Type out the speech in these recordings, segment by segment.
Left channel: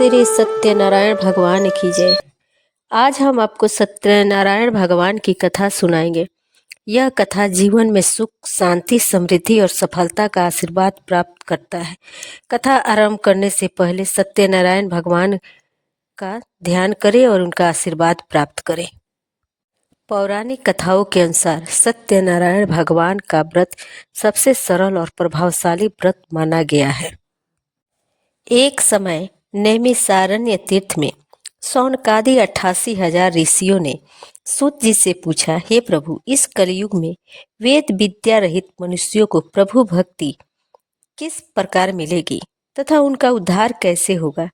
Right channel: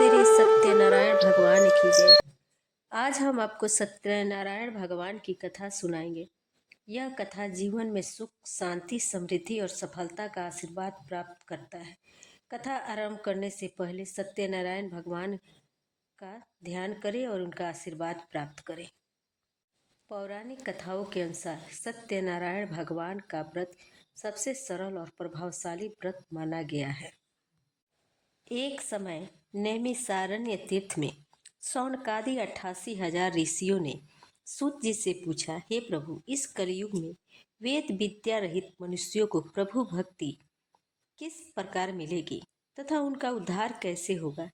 श्री सत्यनारायण भगवान की जय। आज हम आपको सत्यनारायण भगवान की कथा सुनाएंगे। यह कथा जीवन में सुख, शांति, समृद्धि और सफलता का आशीर्वाद प्राप्त करता है। कथा आरंभ करने से पहले सत्यनारायण भगवान का ध्यान करें और उनका आशीर्वाद प्राप्त करें। पौराणिक कथाओं के अनुसार सत्यनारायण भगवान का व्रत सबसे सरल और प्रभावशाली व्रत माना गया है। एक समय नैमिषारण्य तीर्थ में शौनकादि 88,000 ऋषियों ने सूत जी से पूछा, हे प्रभु, इस कलयुग में वेद विद्या रहित मनुष्यों को प्रभु भक्ति किस प्रकार मिलेगी तथा उनका उद्धार कैसे होगा?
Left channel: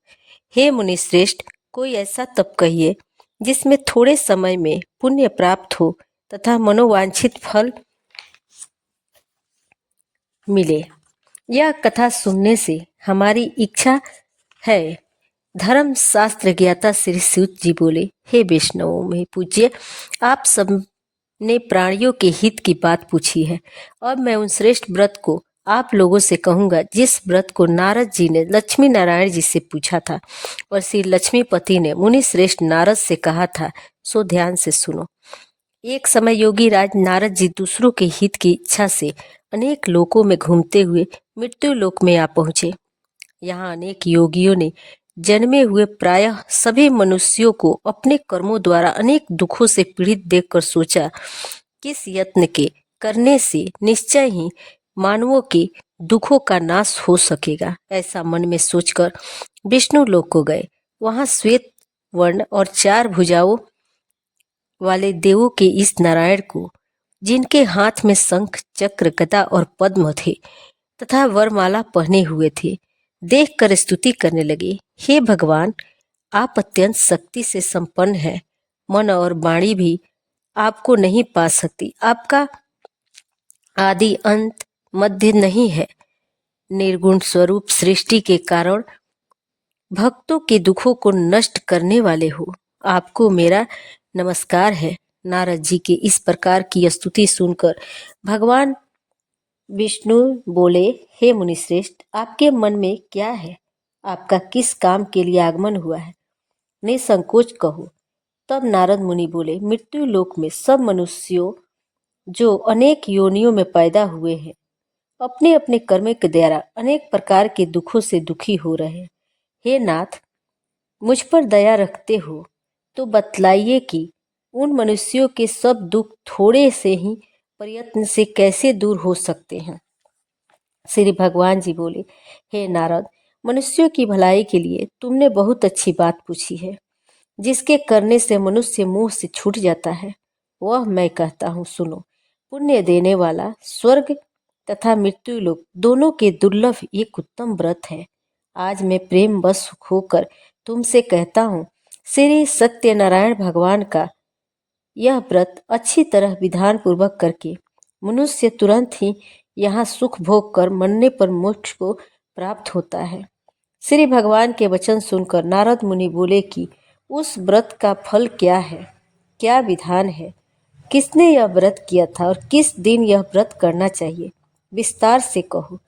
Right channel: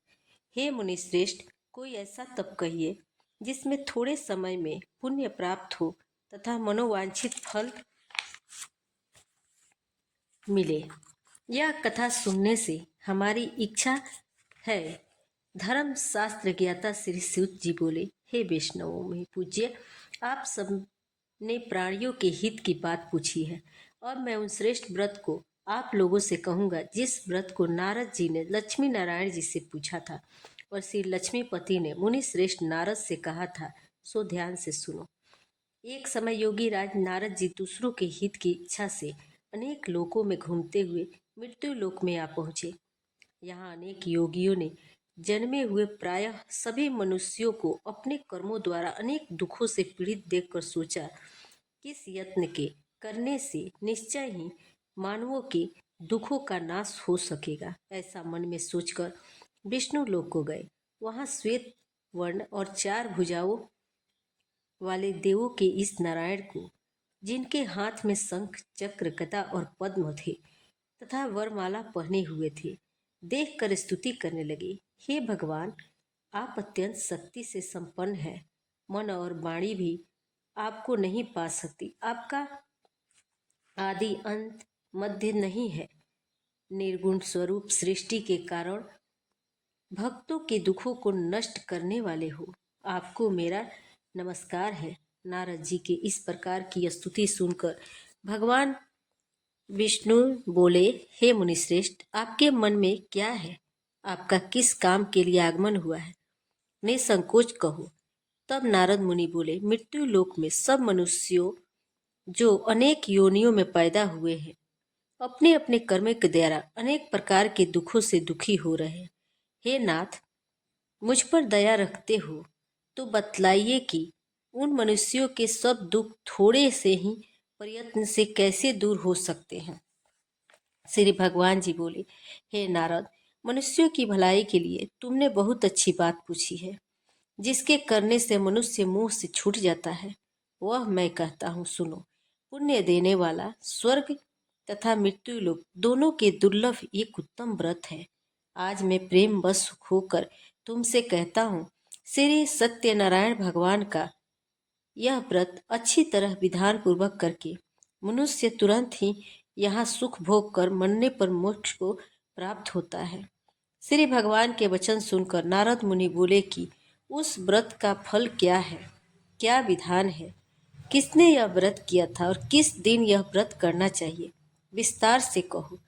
हे मुनिश्रेष्ठ, कोई ऐसा तप कहिए जिसमें थोड़े समय में पुण्य प्राप्त हो तथा मनोवांछित फल मिले। यह कथा सुनने से हमारी इच्छा है। धर्म शास्त्र ज्ञाता श्री सूत जी बोले, हे वैष्णवों में पूज्य, आप सब ने प्राणियों के हित की बात पूछी है। अब मैं उन श्रेष्ठ व्रत को आप लोगों से कहूंगा जिस व्रत को नारद जी ने लक्ष्मी नारायण जी से पूछा था और श्री लक्ष्मीपति ने मुनि श्रेष्ठ नारद से कहा था, सो ध्यान से सुनो। एक समय योगी राज नारद जी दूसरों के हित की इच्छा से अनेक लोकों में घूमते हुए मृत्यु लोक में आ पहुंचे। यहाँ अनेक योगियों ने जन्मे हुए प्रायः सभी मनुष्यों को अपने कर्मों द्वारा अनेक दुखों से पीड़ित देखकर सोचा, किस यत्न के करने से निश्चय ही मानवों के दुखों का नाश हो सकेगा। ऐसा मन में सोचकर विष्णु लोक को गए। वहां श्वेत वर्ण और 4 भुजाओं वाले देवों के इस नारायण को, जिनके हाथ में शंख, चक्र, गदा और पद्म थे तथा वरमाला पहने हुए थे, देखकर स्तुति करने लगे। हे भगवान, आप अत्यंत शक्ति से संपन्न हैं। मन और वाणी भी आपको नहीं पा सकती। आपका आदि अंत मध्य नहीं है। निर्गुण स्वरूप सृष्टि के कारण भक्तों के दुखों को नष्ट करने वाले हो। आपको मेरा नमस्कार है। नारद जी के इस प्रकार की स्तुति सुनकर भगवान विष्णु बोले, हे मुनिश्रेष्ठ, आपके मन में क्या है? आपका किस काम के लिए आगमन हुआ है? निसंकोच कहो। तब नारद मुनि बोले, मृत्यु लोक में सब मनुष्यों जो अनेक योनियों में पैदा हुए हैं, अपने अपने कर्म के द्वारा अनेक प्रकार के दुखों से दुखी हो रहे हैं। हे नाथ, मुझ पर दया रखते हो तो बतलाइए कि उन मनुष्यों के सब दुख थोड़े से ही प्रयत्न से कैसे दूर हो सकते हैं। श्री भगवान जी बोले, हे नारद, मनुष्यों की भलाई के लिए तुमने बहुत अच्छी बात पूछी है। जिसके करने से मनुष्य मोह से छूट जाता है, वह मैं कहता हूँ, सुनो। पुण्य देने वाला स्वर्ग तथा मृत्यु लोक दोनों के दुर्लभ एक उत्तम व्रत है। आज मैं प्रेम वश होकर तुमसे कहता हूँ, श्री सत्यनारायण भगवान का यह व्रत अच्छी तरह विधान पूर्वक करके मनुष्य तुरंत ही यहाँ सुख भोग कर मरने पर मोक्ष को प्राप्त होता है। श्री भगवान के वचन सुनकर नारद मुनि बोले कि उस व्रत का फल क्या है, क्या विधान है, किसने यह व्रत किया था और किस दिन यह व्रत करना चाहिए, विस्तार से कहो।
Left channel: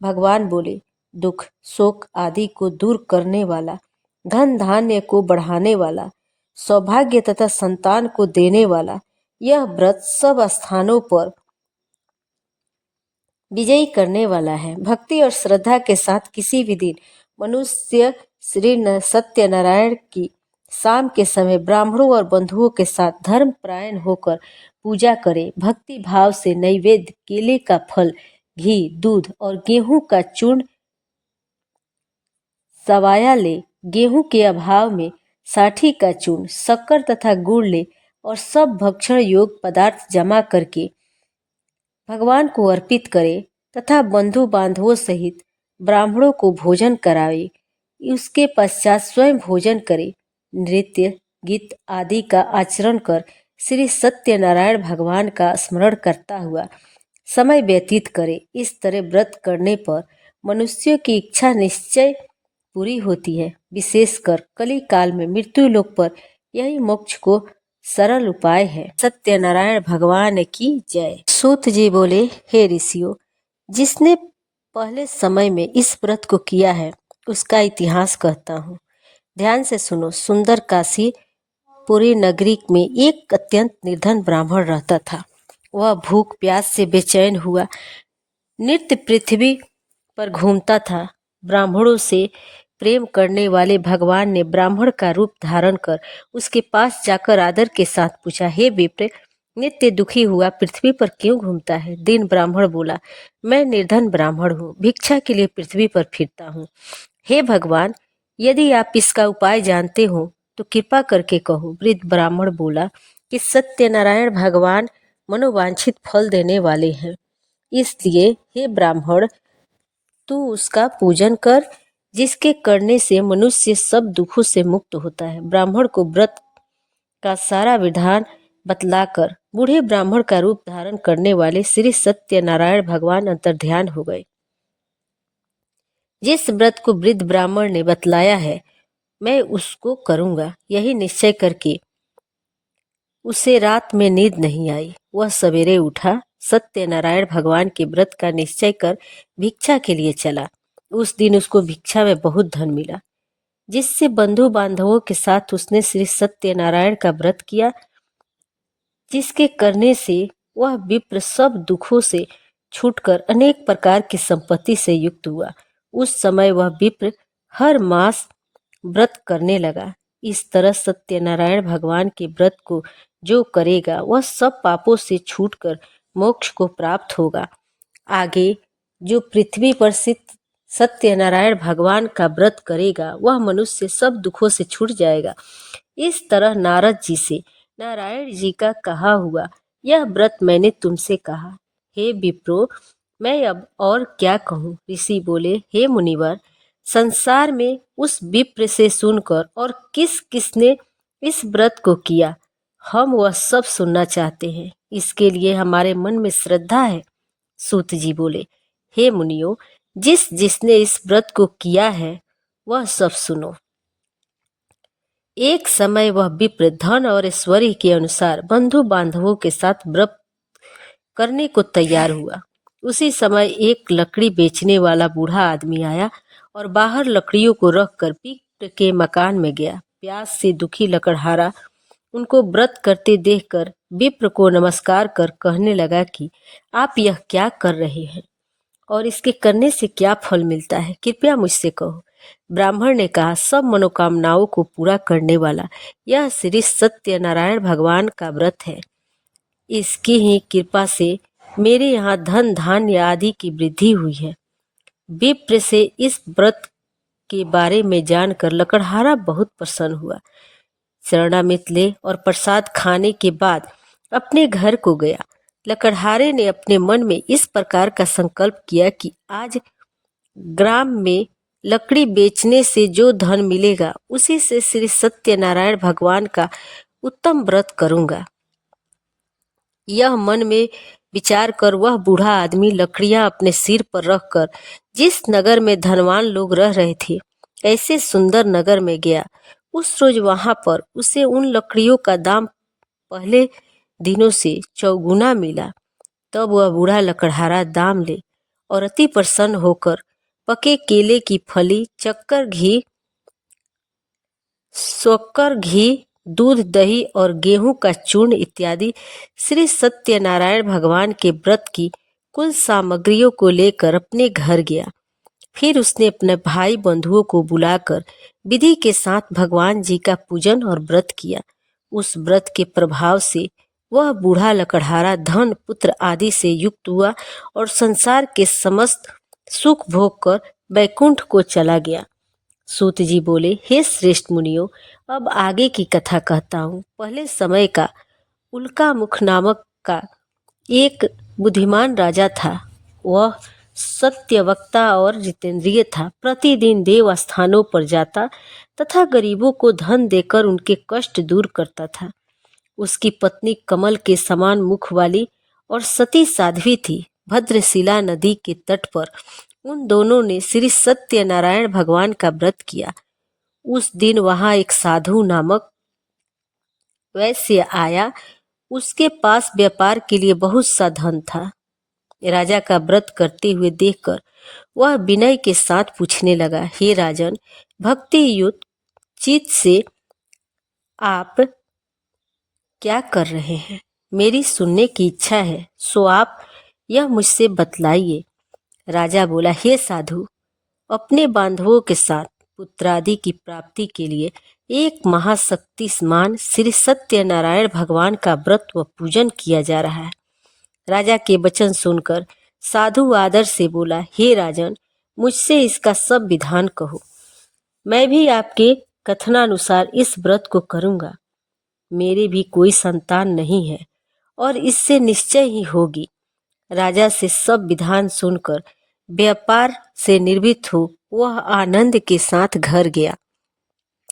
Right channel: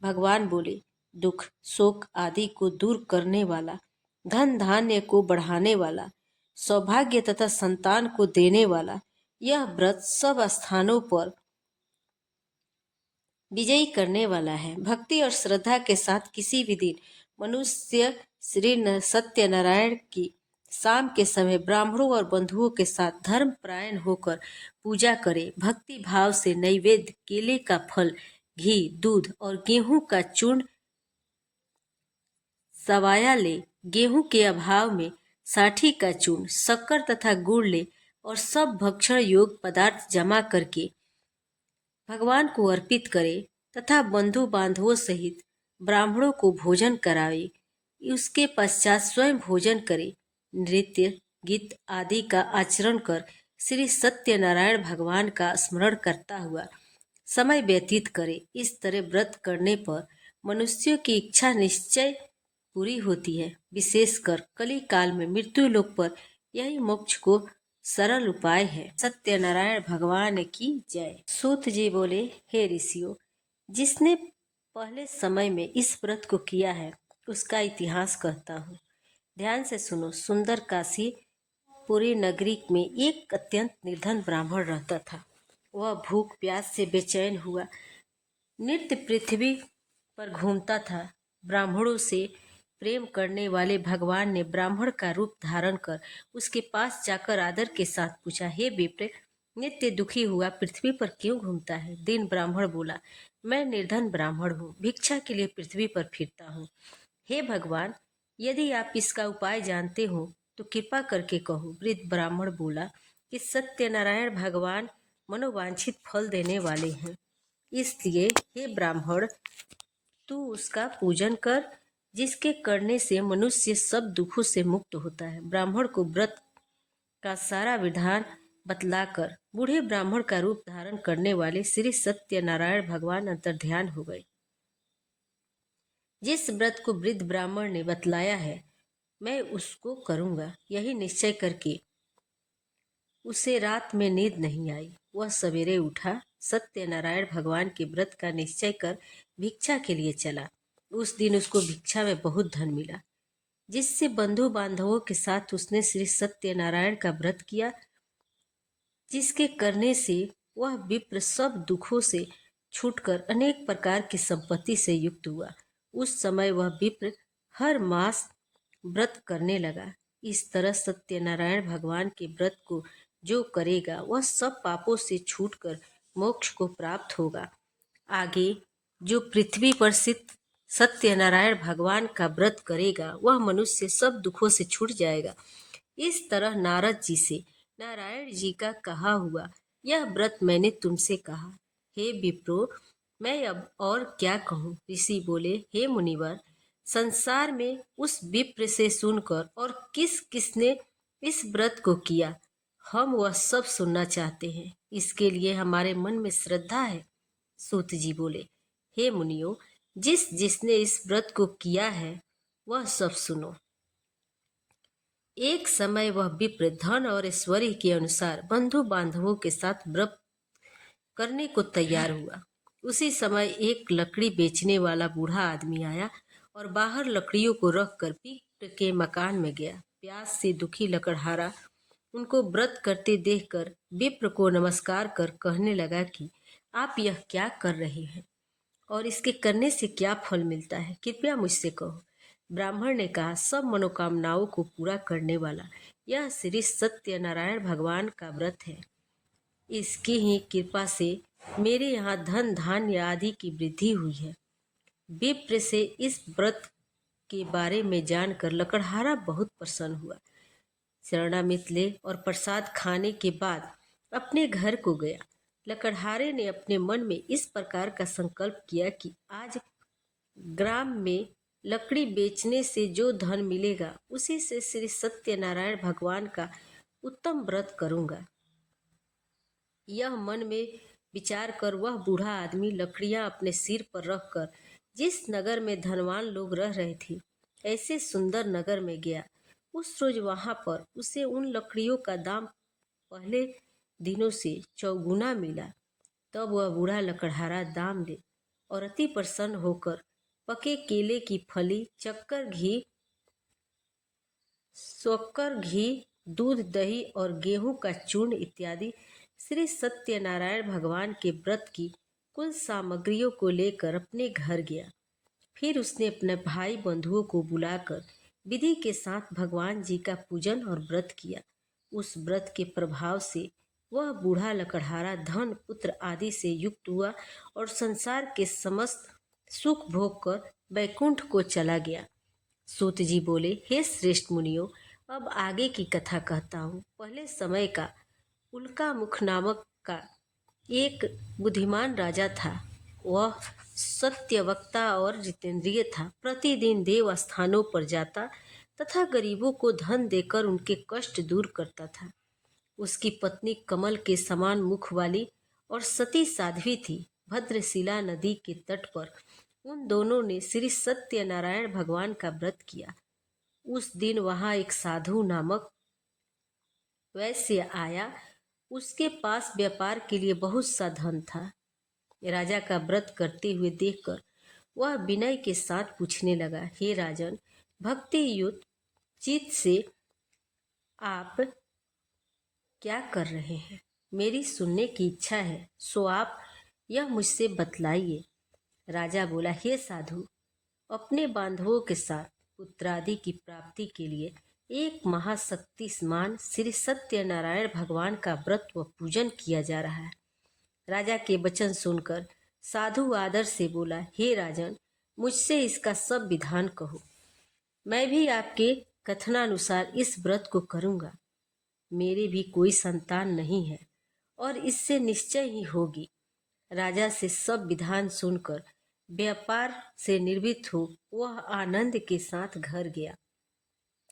भगवान बोले, दुख, शोक आदि को दूर करने वाला, धन धान्य को बढ़ाने वाला, सौभाग्य तथा संतान को देने वाला यह व्रत सब स्थानों पर विजयी करने वाला है। भक्ति और श्रद्धा के साथ किसी भी दिन मनुष्य श्री सत्यनारायण की शाम के समय ब्राह्मणों और बंधुओं के साथ धर्म परायण होकर पूजा करे। भक्ति भाव से नैवेद्य, केले का फल, घी, दूध और गेहूं का चूर्ण सवाया ले। गेहूं के अभाव में साठी का चूर्ण, शक्कर तथा गुड़ ले और सब भक्षण योग पदार्थ जमा करके भगवान को अर्पित करे तथा बंधु बांधवों सहित ब्राह्मणों को भोजन करावे। उसके पश्चात स्वयं भोजन करे। नृत्य, गीत आदि का आचरण कर श्री सत्यनारायण भगवान का स्मरण करता हुआ समय व्यतीत करे। इस तरह व्रत करने पर मनुष्यों की इच्छा निश्चय पूरी होती है। विशेषकर कली काल में मृत्यु लोक पर यही मोक्ष को सरल उपाय है। सत्यनारायण भगवान की जय। सूत जी बोले, हे ऋषियों, जिसने पहले समय में इस व्रत को किया है उसका इतिहास कहता हूँ। ध्यान से सुनो। सुंदर काशी पूरी नगरी में एक अत्यंत निर्धन ब्राह्मण रहता था। वह भूख प्यास से बेचैन हुआ नित्य पृथ्वी पर घूमता था। ब्राह्मणों से प्रेम करने वाले भगवान ने ब्राह्मण का रूप धारण कर उसके पास जाकर आदर के साथ पूछा, हे विप्र, नित्य दुखी हुआ पृथ्वी पर क्यों घूमता है? दीन ब्राह्मण बोला, मैं निर्धन ब्राह्मण हूँ, भिक्षा के लिए पृथ्वी पर फिरता हूँ। हे भगवान, यदि आप इसका उपाय जानते हो तो कृपा करके कहो। वृद्ध ब्राह्मण बोला कि सत्यनारायण भगवान मनोवांछित फल देने वाले हैं, इसलिए हे ब्राह्मण, तू उसका पूजन कर, जिसके करने से मनुष्य सब दुखों से मुक्त होता है। ब्राह्मण को व्रत का सारा विधान बतलाकर बूढ़े ब्राह्मण का रूप धारण करने वाले श्री सत्यनारायण भगवान अंतर्ध्यान हो गए। जिस व्रत को वृद्ध ब्राह्मण ने बतलाया है, मैं उसको करूंगा, यही निश्चय करके उसे रात में नींद नहीं आई। वह सवेरे उठा, सत्यनारायण भगवान के व्रत का निश्चय कर भिक्षा के लिए चला। उस दिन उसको भिक्षा में बहुत धन मिला, जिससे बंधु बांधवों के साथ उसने श्री सत्यनारायण का व्रत किया, जिसके करने से वह विप्र सब दुखों से छूटकर अनेक प्रकार की संपत्ति से युक्त हुआ। उस समय वह विप्र हर मास व्रत करने लगा। इस तरह सत्यनारायण भगवान के व्रत को जो करेगा वह सब पापों से छूटकर मोक्ष को प्राप्त होगा। आगे जो पृथ्वी पर स्थित सत्यनारायण भगवान का व्रत करेगा वह मनुष्य सब दुखों से छूट जाएगा। इस तरह नारद जी से नारायण जी का कहा हुआ यह व्रत मैंने तुमसे कहा। हे विप्रो, मैं अब और क्या कहूँ? ऋषि बोले, हे मुनिवर, संसार में उस विप्र से सुनकर और किस किसने इस व्रत को किया, हम वह सब सुनना चाहते हैं। इसके लिए हमारे मन में श्रद्धा है। सूत जी बोले, हे मुनियों, जिसने इस व्रत को किया है वह सब सुनो। एक समय वह विप्र धन और ऐश्वर्य के अनुसार बंधु बांधवों के साथ व्रत करने को तैयार हुआ। उसी समय एक लकड़ी बेचने वाला बूढ़ा आदमी आया और बाहर लकड़ियों को रखकर विप्र के मकान में गया। प्यास से दुखी लकड़हारा उनको व्रत करते देखकर विप्र को नमस्कार कर कहने लगा कि आप यह क्या कर रहे हैं और इसके करने से क्या फल मिलता है, कृपया मुझसे कहो। ब्राह्मण ने कहा, सब मनोकामनाओं को पूरा करने वाला यह श्री सत्यनारायण भगवान का व्रत है। इसकी ही कृपा से मेरे यहाँ धन धान्य आदि की वृद्धि हुई है। विप्र से इस व्रत के बारे में जानकर लकड़हारा बहुत प्रसन्न हुआ। शरणामृत ले और प्रसाद खाने के बाद अपने घर को गया। लकड़हारे ने अपने मन में इस प्रकार का संकल्प किया कि आज ग्राम में लकड़ी बेचने से जो धन मिलेगा उसी से श्री सत्यनारायण भगवान का उत्तम व्रत करूंगा। यह मन में विचार कर वह बूढ़ा आदमी लकड़ियां अपने सिर पर रखकर जिस नगर में धनवान लोग रह रहे थे ऐसे सुंदर नगर में गया। उस रोज वहां पर उसे उन लकड़ियों का दाम पहले दिनों से चौगुना मिला। तब वह बूढ़ा लकड़हारा दाम ले और अति प्रसन्न होकर पके केले की फली, शक्कर, घी, दूध, दही और गेहूं का चूर्ण इत्यादि श्री सत्यनारायण भगवान के व्रत की कुल सामग्रियों को लेकर अपने घर गया। फिर उसने अपने भाई बंधुओं को बुलाकर विधि के साथ भगवान जी का पूजन और व्रत किया। उस व्रत के प्रभाव से वह बूढ़ा लकड़हारा धन पुत्र आदि से युक्त हुआ और संसार के समस्त सुख भोग कर बैकुंठ को चला गया। सूत जी बोले, हे श्रेष्ठ मुनियों, अब आगे की कथा कहता हूँ। पहले समय का उल्कामुख नामक का एक बुद्धिमान राजा था। वह सत्यवक्ता और जितेंद्रिय था। प्रतिदिन देव स्थानों पर जाता तथा गरीबों को धन देकर उनके कष्ट दूर करता था। उसकी पत्नी कमल के समान मुख वाली और सती साध्वी थी। भद्रशिला नदी के तट पर उन दोनों ने श्री सत्यनारायण भगवान का व्रत किया। उस दिन वहां एक साधु नामक वैश्य आया। उसके पास व्यापार के लिए बहुत सा धन था। राजा का व्रत करते हुए देखकर वह विनय के साथ पूछने लगा, हे राजन, भक्ति युक्त चित से आप क्या कर रहे हैं? मेरी सुनने की इच्छा है, सो आप यह मुझसे बतलाइए। राजा बोला, हे साधु, अपने बांधवों के साथ पुत्रादि की प्राप्ति के लिए एक महाशक्तिमान श्री सत्यनारायण भगवान का व्रत व पूजन किया जा रहा है। राजा के वचन सुनकर साधु आदर से बोला, हे राजन, मुझसे इसका सब विधान कहो। मैं भी आपके कथनानुसार इस व्रत को करूंगा। मेरे भी कोई संतान नहीं है और इससे निश्चय ही होगी। राजा से सब विधान सुनकर व्यापार से निर्भीत हो वह आनंद के साथ घर गया।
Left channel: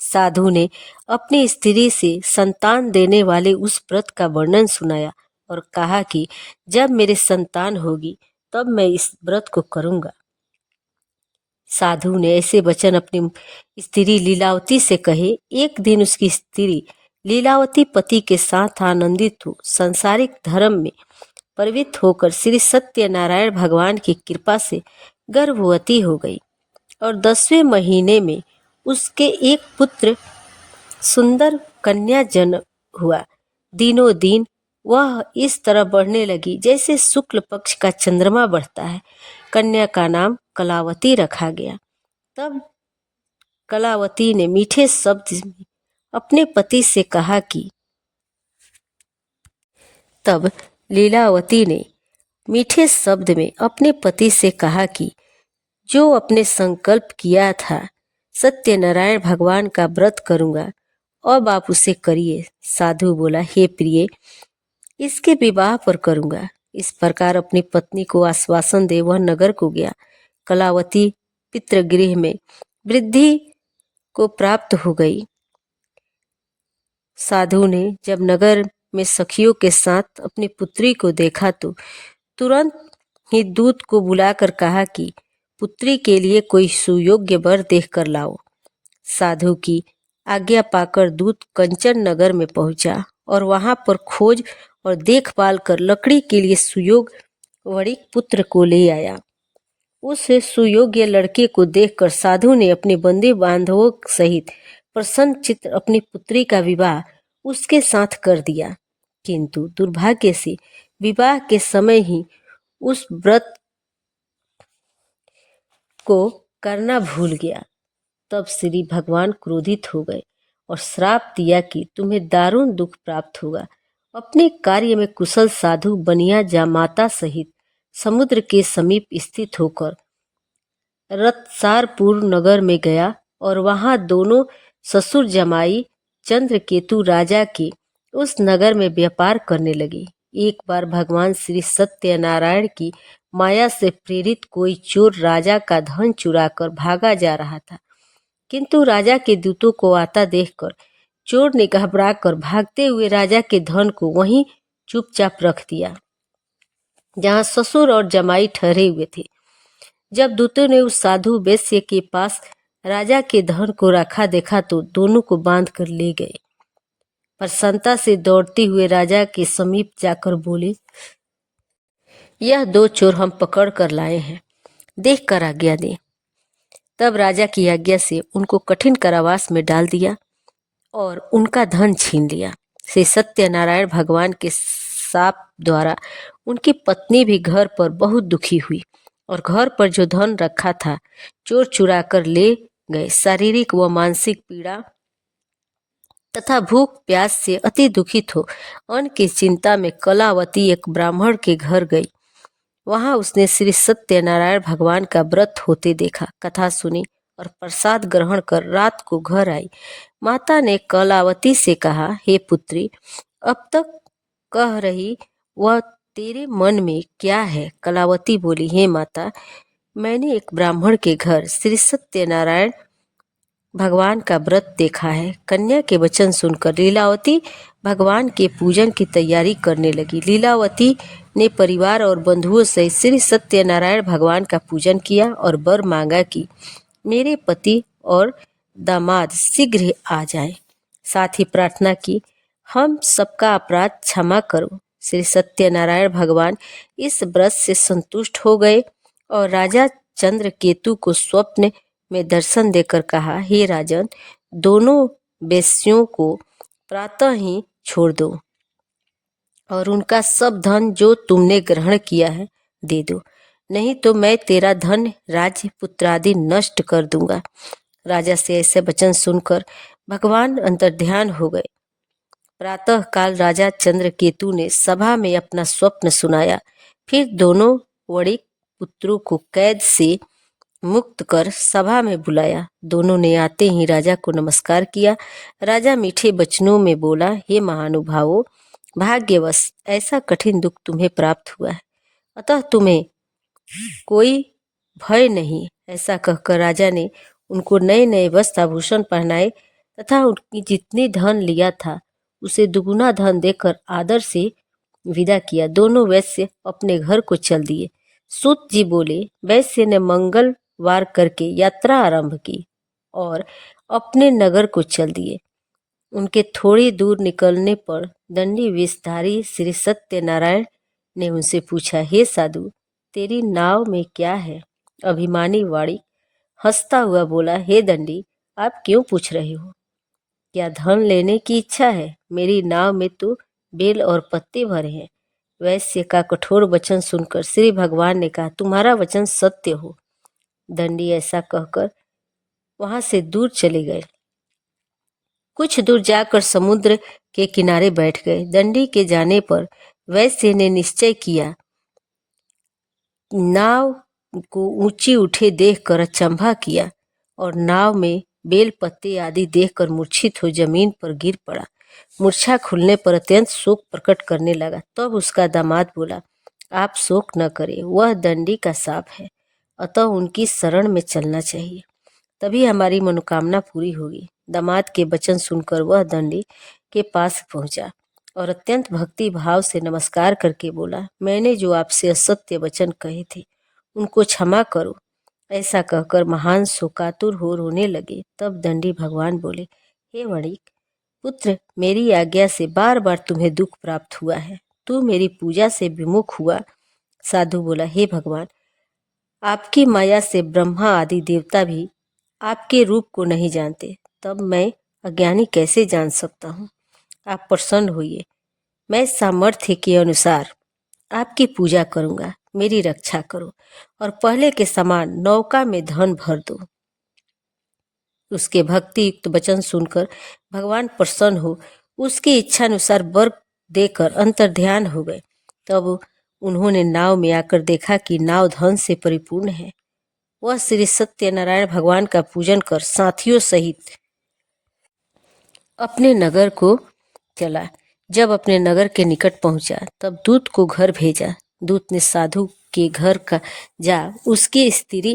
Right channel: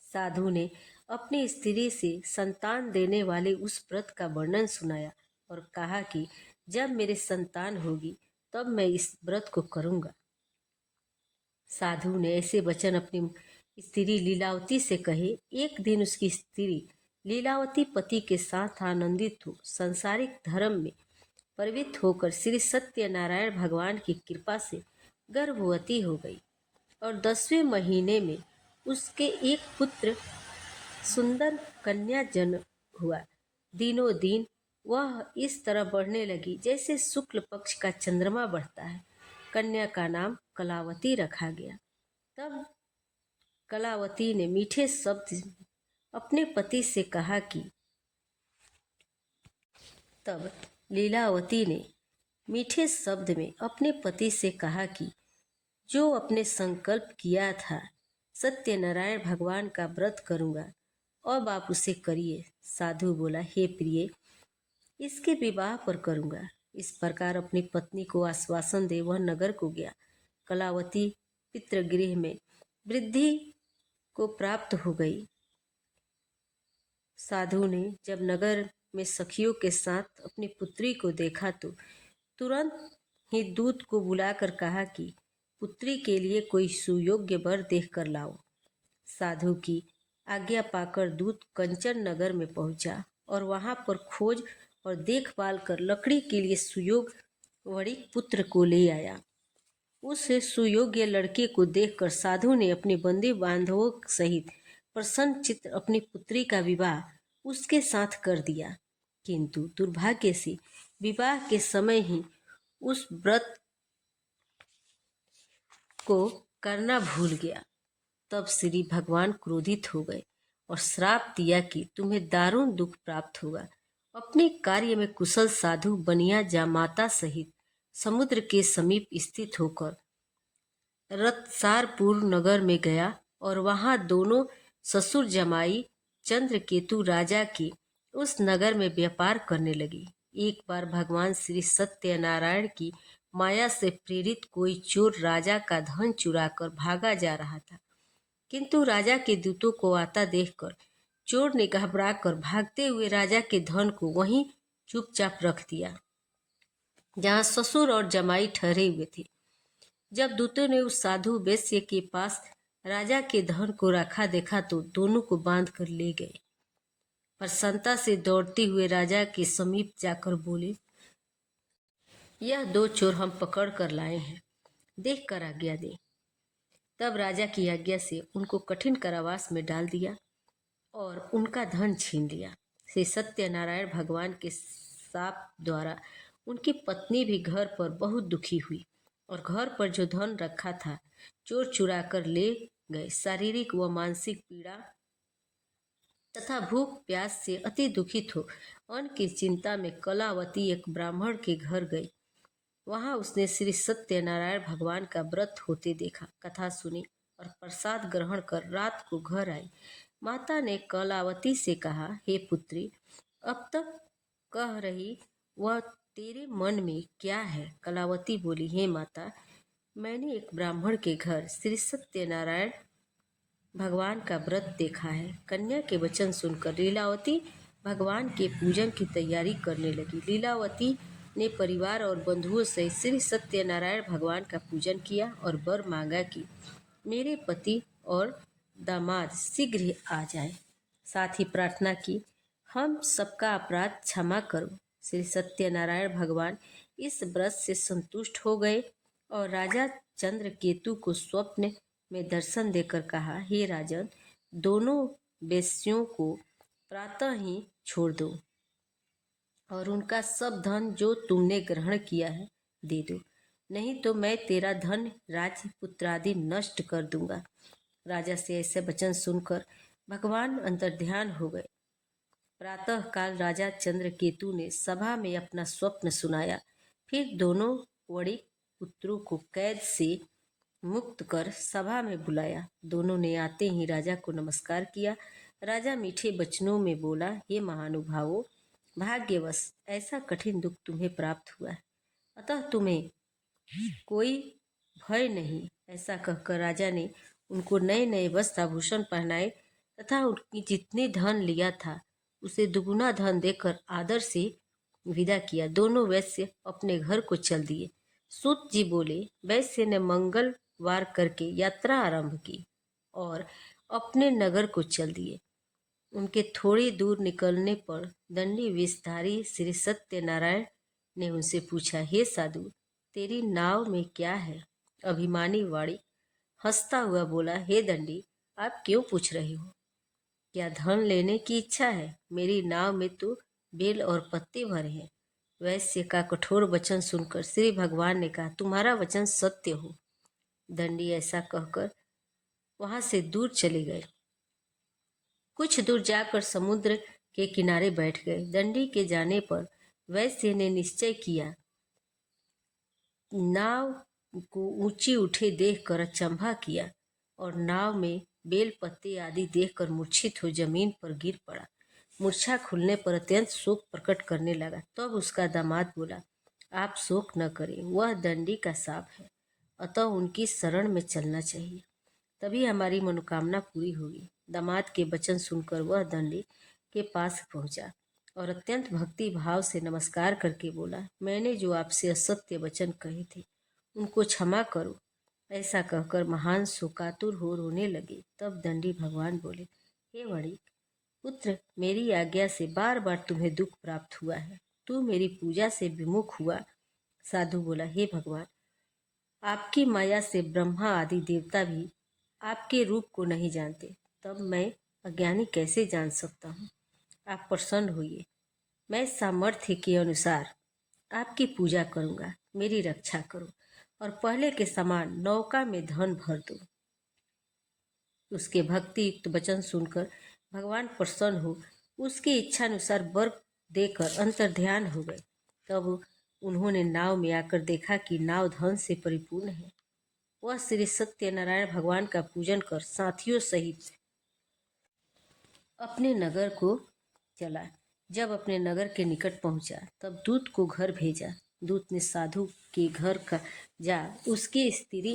साधु ने अपनी स्त्री से संतान देने वाले उस व्रत का वर्णन सुनाया और कहा कि जब मेरे संतान होगी तब मैं इस व्रत को करूंगा। साधु ने ऐसे वचन अपनी स्त्री लीलावती से कहे। एक दिन उसकी स्त्री लीलावती पति के साथ आनंदित हो सांसारिक धर्म में प्रवृत्त होकर श्री सत्यनारायण भगवान की कृपा से गर्भवती हो गई और 10वें महीने में उसके एक पुत्र सुंदर कन्या जन्म हुआ। दिनों दिन वह इस तरह बढ़ने लगी जैसे शुक्ल पक्ष का चंद्रमा बढ़ता है। कन्या का नाम कलावती रखा गया। तब कलावती ने मीठे शब्द में अपने पति से कहा कि तब लीलावती ने मीठे शब्द में अपने पति से कहा कि जो अपने संकल्प किया था सत्यनारायण भगवान का व्रत करूंगा, अब आप उसे करिए। साधु बोला, हे प्रिय, इसके विवाह पर करूंगा। इस प्रकार अपनी पत्नी को आश्वासन दे वह नगर को गया। कलावती पितृगृह में वृद्धि को प्राप्त हो गई। साधु ने जब नगर में सखियों के साथ अपनी पुत्री को देखा तो तुरंत ही दूत को बुलाकर कहा कि पुत्री के लिए कोई सुयोग्य वर देख कर लाओ। साधु की आज्ञा पाकर दूत कंचन नगर में पहुंचा और वहां पर खोज और देखभाल कर लकड़ी के लिए सुयोग्य वणिक पुत्र को ले आया। उस सुयोग्य लड़के को देखकर साधु ने अपने बंदी बांधवों सहित प्रसन्न चित्त अपनी पुत्री का विवाह उसके साथ कर दिया। किंतु दुर्भाग्य से विवाह के समय ही उस व्रत को करना भूल गया। तब श्री भगवान क्रोधित हो गए और श्राप दिया कि तुम्हें दारुण दुख प्राप्त होगा। अपने कार्य में कुशल साधु बनिया जामाता सहित समुद्र के समीप स्थित होकर रत्सारपुर नगर में गया और वहां दोनों ससुर जमाई चंद्रकेतु राजा के उस नगर में व्यापार करने लगे। एक बार भगवान श्री सत्यनारायण की माया से प्रेरित कोई चोर राजा का धन चुराकर भागा जा रहा था, किंतु राजा के दूतों को आता देखकर चोर ने घबराकर भागते हुए राजा के धन को वहीं चुपचाप रख दिया जहां ससुर और जमाई ठहरे हुए थे। जब दूतों ने उस साधु वैश्य के पास राजा के धन को रखा देखा तो दोनों को बांध कर ले गए। प्रसन्नता से दौड़ते हुए राजा के समीप जाकर बोले, यह 2 चोर हम पकड़ कर लाए हैं, देख कर आज्ञा दें। तब राजा की आज्ञा से उनको कठिन कारावास में डाल दिया और उनका धन छीन लिया। श्री सत्यनारायण भगवान के शाप द्वारा उनकी पत्नी भी घर पर बहुत दुखी हुई और घर पर जो धन रखा था चोर चुरा कर ले गए। शारीरिक व मानसिक पीड़ा तथा भूख प्यास से अति दुखित हो अन्न की चिंता में कलावती एक ब्राह्मण के घर गई। वहां उसने श्री सत्यनारायण भगवान का व्रत होते देखा, कथा सुनी और प्रसाद ग्रहण कर रात को घर आई। माता ने कलावती से कहा, हे पुत्री, अब तक कह रही वह तेरे मन में क्या है? कलावती बोली, हे माता, मैंने एक ब्राह्मण के घर श्री सत्यनारायण भगवान का व्रत देखा है। कन्या के वचन सुनकर लीलावती भगवान के पूजन की तैयारी करने लगी। लीलावती ने परिवार और बंधुओं से श्री सत्यनारायण भगवान का पूजन किया और वर मांगा कि मेरे पति और दामाद शीघ्र आ जाएं। साथ ही प्रार्थना की, हम सबका अपराध क्षमा करो। श्री सत्यनारायण भगवान इस व्रत से संतुष्ट हो गए और राजा चंद्रकेतु को स्वप्न में दर्शन देकर कहा, हे राजन, दोनों वेश्यों को प्रातः ही छोड़ दो और उनका सब धन जो तुमने ग्रहण किया है दे दो, नहीं तो मैं तेरा धन राज्य पुत्रादि नष्ट कर दूंगा। राजा से ऐसे वचन सुनकर भगवान अंतर्ध्यान हो गए। प्रातः काल राजा चंद्रकेतु ने सभा में अपना स्वप्न सुनाया। फिर दोनों वणिक पुत्रों को कैद से मुक्त कर सभा में बुलाया। दोनों ने आते ही राजा को नमस्कार किया। राजा मीठे वचनों में बोला, हे महानुभावों, भाग्यवश ऐसा कठिन दुख तुम्हें प्राप्त हुआ है, अतः तुम्हें कोई भय नहीं। ऐसा कहकर राजा ने उनको नए नए वस्त्र आभूषण पहनाए तथा उनकी जितनी धन लिया था उसे दुगुना धन देकर आदर से विदा किया। दोनों वैश्य अपने घर को चल दिए। सूत जी बोले, वैश्य ने मंगलवार करके यात्रा आरंभ की और अपने नगर को चल दिए। उनके थोड़ी दूर निकलने पर दंडी वेशधारी श्री सत्यनारायण ने उनसे पूछा, हे साधु, तेरी नाव में क्या है? अभिमानी वाणी हंसता हुआ बोला, हे दंडी, आप क्यों पूछ रहे हो? क्या धन लेने की इच्छा है? मेरी नाव में तो बेल और पत्ते भरे हैं। वैश्य का कठोर वचन सुनकर श्री भगवान ने कहा, तुम्हारा वचन सत्य हो। दंडी ऐसा कहकर वहां से दूर चले गए। कुछ दूर जाकर समुद्र के किनारे बैठ गए। दंडी के जाने पर वैश्य ने निश्चय किया। नाव को ऊंची उठे देखकर अचंभा किया और नाव में बेल पत्ते आदि देखकर मूर्छित हो जमीन पर गिर पड़ा। मूर्छा खुलने पर अत्यंत शोक प्रकट करने लगा। तब उसका दामाद बोला, आप शोक न करें, वह दंडी का शाप है, अतः उनकी शरण में चलना चाहिए, तभी हमारी मनोकामना पूरी होगी। दामाद के वचन सुनकर वह दंडी के पास पहुंचा और अत्यंत भक्ति भाव से नमस्कार करके बोला, मैंने जो आपसे असत्य वचन कहे थे उनको क्षमा करो। ऐसा कहकर महान शोकातुर हो रोने लगे। तब दंडी भगवान बोले, हे वणिक पुत्र, मेरी आज्ञा से बार बार तुम्हें दुख प्राप्त हुआ है, तू मेरी पूजा से विमुख हुआ। साधु बोला, हे भगवान, आपकी माया से ब्रह्मा आदि देवता भी आपके रूप को नहीं जानते, तब मैं अज्ञानी कैसे जान सकता हूँ? आप प्रसन्न होइए, मैं सामर्थ्य के अनुसार आपकी पूजा करूंगा। मेरी रक्षा करो और पहले के समान नौका में धन भर दो। उसके भक्ति युक्त वचन सुनकर भगवान प्रसन्न हो उसकी इच्छा अनुसार वर देकर अंतर्ध्यान हो गए। तब उन्होंने नाव में आकर देखा कि नाव धन से परिपूर्ण है। वह श्री सत्यनारायण भगवान का पूजन कर साथियों सहित अपने नगर को चला। जब अपने नगर के निकट पहुंचा तब दूत को घर भेजा। दूत ने साधु के घर का जा उसकी स्त्री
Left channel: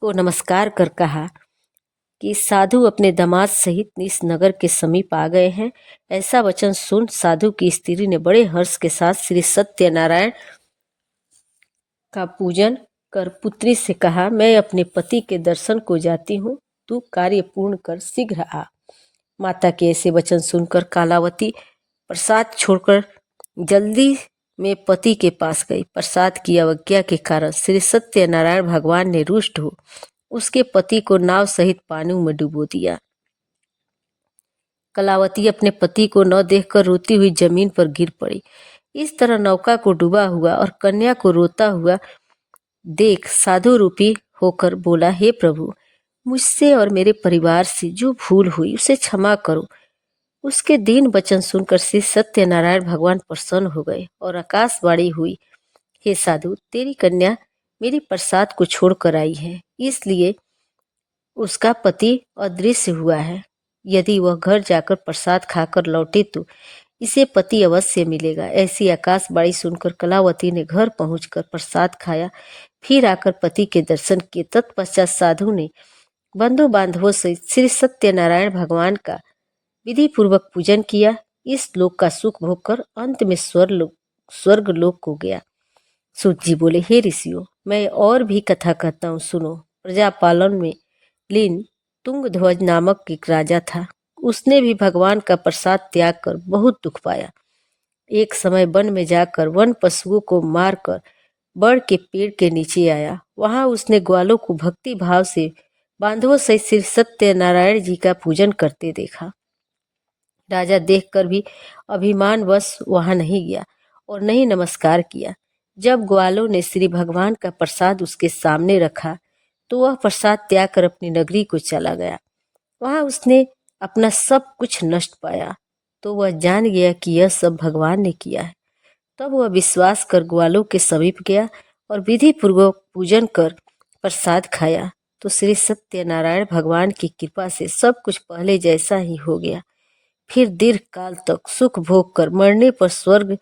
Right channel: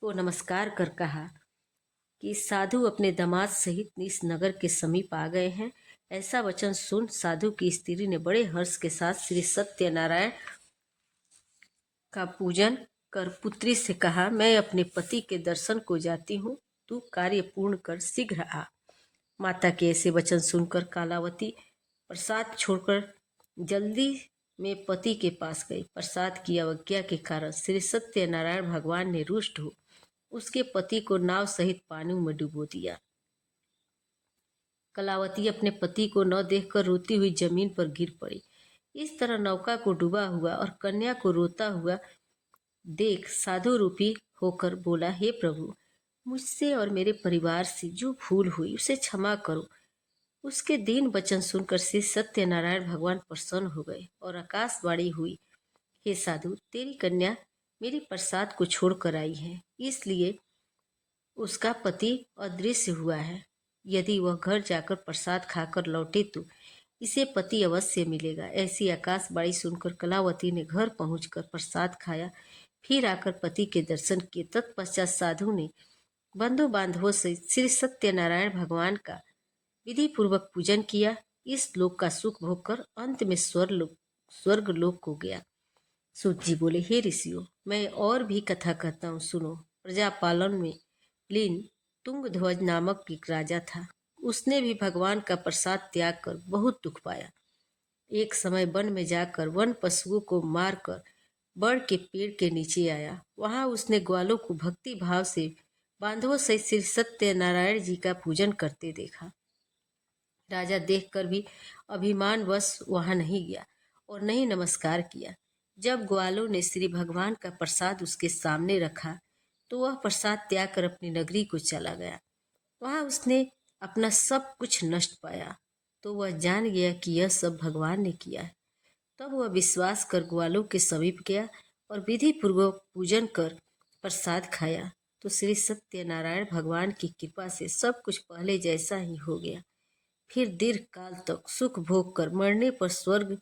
को नमस्कार कर कहा कि साधु अपने दामाद सहित इस नगर के समीप आ गए हैं। ऐसा वचन सुन साधु की स्त्री ने बड़े हर्ष के साथ श्री सत्यनारायण का पूजन कर पुत्री से कहा, मैं अपने पति के दर्शन को जाती हूँ, तू कार्य पूर्ण कर शीघ्र आ। माता के ऐसे वचन सुनकर कालावती प्रसाद छोड़कर जल्दी में पति के पास गई। प्रसाद की अवज्ञा के कारण श्री सत्यनारायण भगवान ने रुष्ट हो उसके पति को नाव सहित पानी में डुबो दिया। कलावती अपने पति को न देखकर रोती हुई जमीन पर गिर पड़ी। इस तरह नौका को डूबा हुआ और कन्या को रोता हुआ देख साधु रूपी होकर बोला, हे प्रभु, मुझसे और मेरे परिवार से जो भूल हुई उसे क्षमा करो। उसके दीन वचन सुनकर श्री सत्यनारायण भगवान प्रसन्न हो गए और आकाशवाणी हुई, हे साधु, तेरी कन्या मेरी प्रसाद को छोड़कर आई है, इसलिए उसका पति अदृश्य हुआ है। यदि वह घर जाकर प्रसाद खाकर लौटे तो इसे पति अवश्य मिलेगा। ऐसी आकाशवाणी सुनकर कलावती ने घर पहुंचकर प्रसाद खाया, फिर आकर पति के दर्शन किए। तत्पश्चात साधु ने बंधु बांधवों से श्री सत्यनारायण भगवान का विधि पूर्वक पूजन किया। इस लोक का सुख भोगकर अंत में स्वर्ग लोक को गया। सूत जी बोले, हे ऋषियों, मैं और भी कथा कहता हूँ, सुनो। प्रजापालन में लीन तुंगध्वज नामक एक राजा था। उसने भी भगवान का प्रसाद त्याग कर बहुत दुख पाया। एक समय वन में जाकर वन पशुओं को मारकर बड़ के पेड़ के नीचे आया। वहां उसने ग्वालों को भक्ति भाव से बांधवों सहित श्री सत्यनारायण जी का पूजन करते देखा। राजा देखकर भी अभिमानवश वहां नहीं गया और नहीं नमस्कार किया। जब ग्वालों ने श्री भगवान का प्रसाद उसके सामने रखा तो वह प्रसाद त्याग कर अपनी नगरी को चला गया। वहां उसने अपना सब कुछ नष्ट पाया तो वह जान गया कि यह सब भगवान ने किया है। तब वह विश्वास कर ग्वालों के समीप गया और विधि पूर्वक पूजन कर प्रसाद खाया तो श्री सत्यनारायण भगवान की कृपा से सब कुछ पहले जैसा ही हो गया। फिर दीर्घ काल तक सुख भोग कर मरने पर स्वर्ग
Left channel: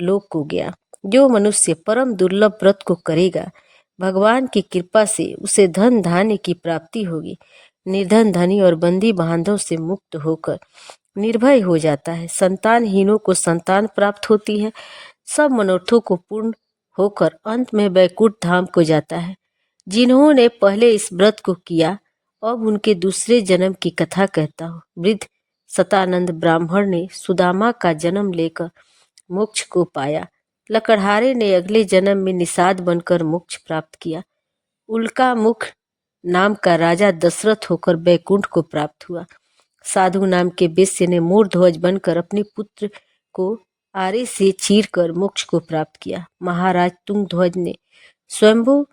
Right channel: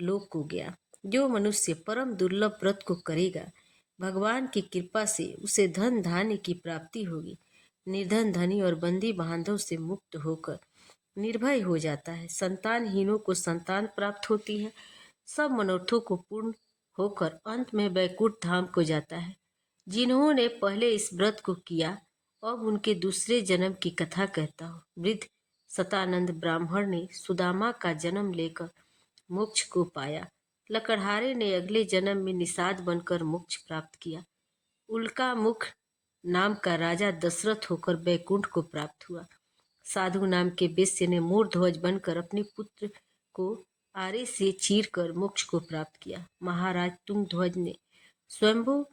लोक को गया। जो मनुष्य परम दुर्लभ व्रत को करेगा, भगवान की कृपा से उसे धन धान्य की प्राप्ति होगी। निर्धन धनी और बंदी बांधव से मुक्त होकर निर्भय हो जाता है। संतानहीनों को संतान प्राप्त होती है। सब मनोरथों को पूर्ण होकर अंत में बैकुंठ धाम को जाता है। जिन्होंने पहले इस व्रत को किया, अब उनके दूसरे जन्म की कथा कहता हूँ। वृद्ध सतानंद ब्राह्मण ने सुदामा का जन्म लेकर मोक्ष को पाया। लकड़हारे ने अगले जन्म में निषाद बनकर मोक्ष प्राप्त किया। उल्का मुख नाम का राजा दशरथ होकर बैकुंठ को प्राप्त हुआ। साधु नाम के वेश्य ने मूर्ध्वज बनकर अपने पुत्र को आरे से चीर कर मोक्ष को प्राप्त किया। महाराज तुंगध्वज ने स्वयंभू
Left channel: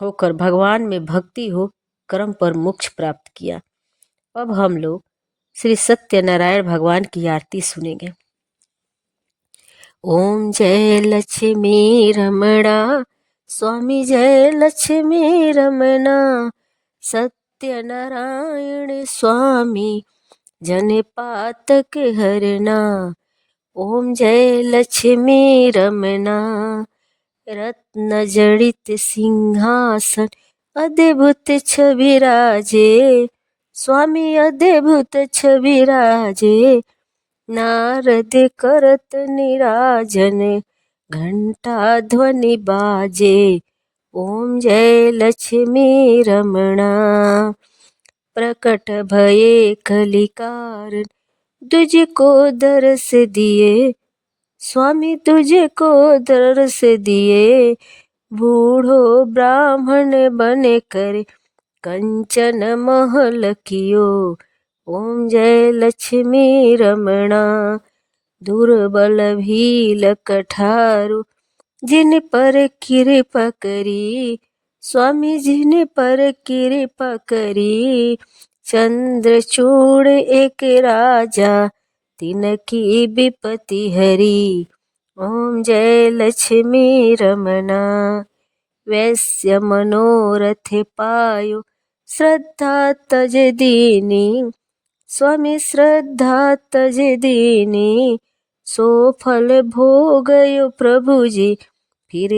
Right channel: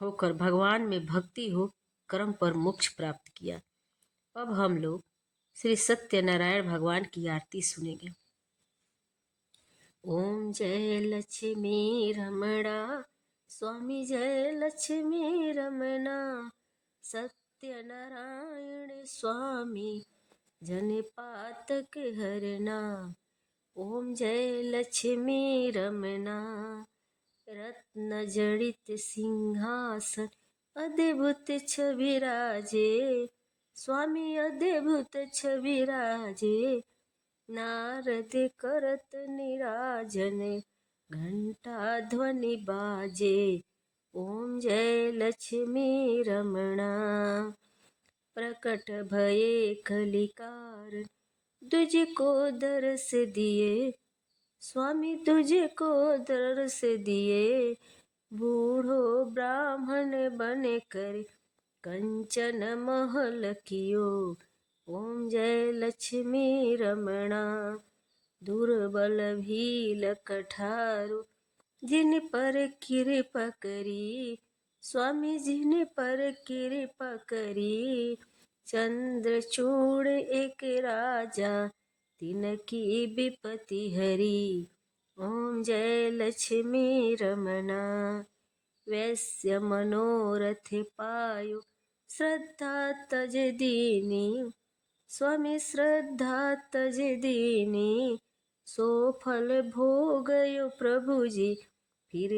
होकर भगवान में भक्ति हो कर्म पर मोक्ष प्राप्त किया। अब हम लोग श्री सत्यनारायण भगवान की आरती सुनेंगे। ओम जय लक्ष्मी रमणा, स्वामी जय लक्ष्मी रमणा, सत्यनारायण स्वामी जन पातक हरना। ओम जय लक्ष्मी रमणा, रत्न जड़ित सिंहासन अद्भुत छविराजे, स्वामी अद्भुत छविराजे। नारद करत निराजन, घंटा ध्वनि बाजे। ओम जय लक्ष्मी रमणा, प्रकट भये कलिकारण, तुझको दर्श दिए, स्वामी तुझको दर्श दिए। बूढ़ो ब्राह्मण बने कर कंचन महल कियो। ओम जय लक्ष्मी रमणा, दुर्बल भील कठारु, जिन पर कृपा करी, स्वामी जिन पर कृपा करी। चंद्रचूड़ एक राजा, तिनकी विपत्ति हरी। ओम जय लक्ष्मी रमणा, वैश्य मनोरथ पायो, श्रद्धा तज दीनी, स्वामी श्रद्धा तज दीनी। सो फल भोगयो प्रभु जी, फिर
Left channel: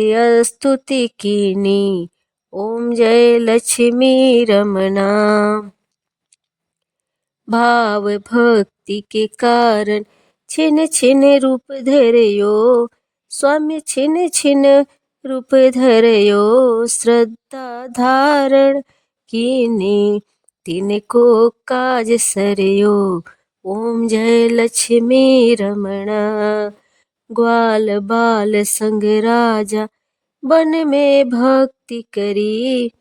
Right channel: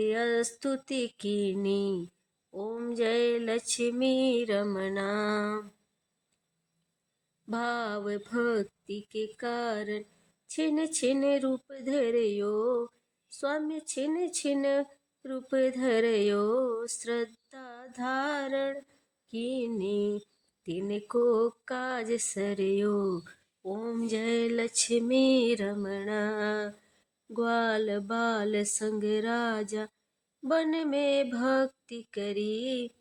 स्तुति कीनी। ओम जय लक्ष्मी रमणा, भाव भक्ति के कारण छिन छिन रूप धरयो, स्वामी छिन छिन रूप धरयो। श्रद्धा धारण कीनी, तिनको काज सरयो। ओम जय लक्ष्मी रमणा, ग्वाल बाल संग राजा वन में भक्ति करी,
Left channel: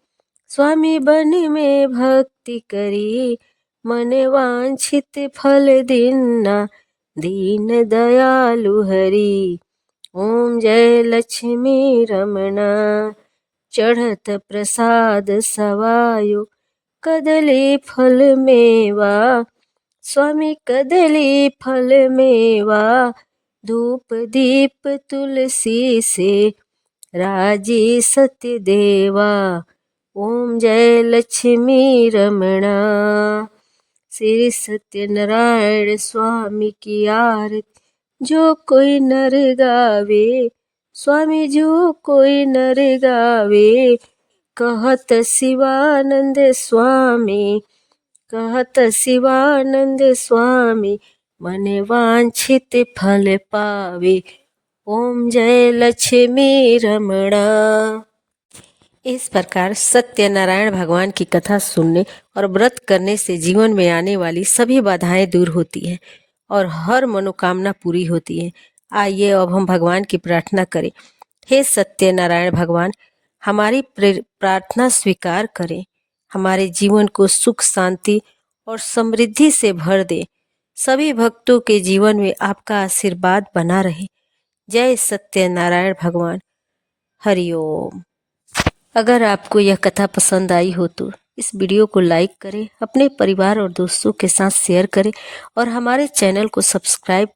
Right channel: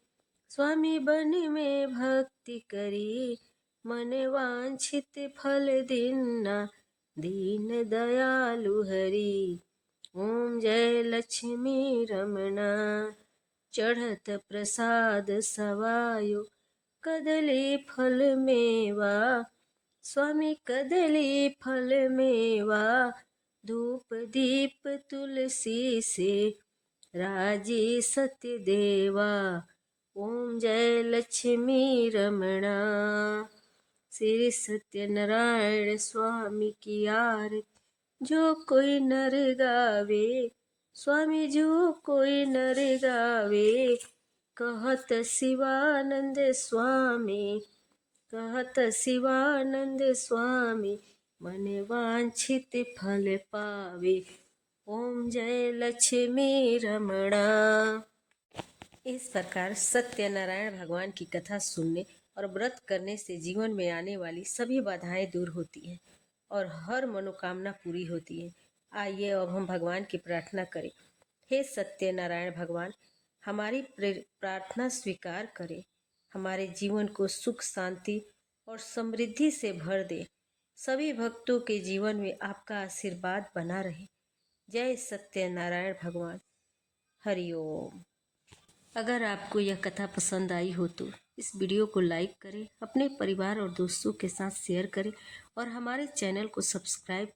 स्वामी वन में भक्ति करी। मन वांछित फल दीना, दीन दयालु हरि। ओम जय लक्ष्मी रमणा, चढ़त प्रसाद सवायो, कदली फल मेवा, स्वामी कदली फल मेवा। धूप दीप तुलसी से, राजी सत्य देवा। ओम जय लक्ष्मी रमणा, श्री सत्यनारायण स्वामी की आरती जो कोई नर गावे, स्वामी जो कोई नर गावे। कहत शिवानंद स्वामी, कहत शिवानंद स्वामी, मन वांछित फल पावे। ओम जय लक्ष्मी रमणा। इस प्रकार सत्यनारायण भगवान की कथा सुनने और व्रत करने से जीवन में आने वाली सभी बाधाएं दूर होती हैं और हर मनोकामना पूरी होती है। आइए अब हम भगवान की प्रार्थना करें। हे सत्यनारायण भगवान, हमारी प्रार्थना स्वीकार करें। हमारे जीवन को सुख, शांति और समृद्धि से भर दे। सभी भक्तों के जीवन में आपका आशीर्वाद बना रहे। जय सत्यनारायण भगवान। हरिओम। अगर आपको यह कथा पसंद आई हो तो इस वीडियो को लाइक करें, अपने परिवार और दोस्तों के साथ शेयर करें और हमारे चैनल को सब्सक्राइब करें।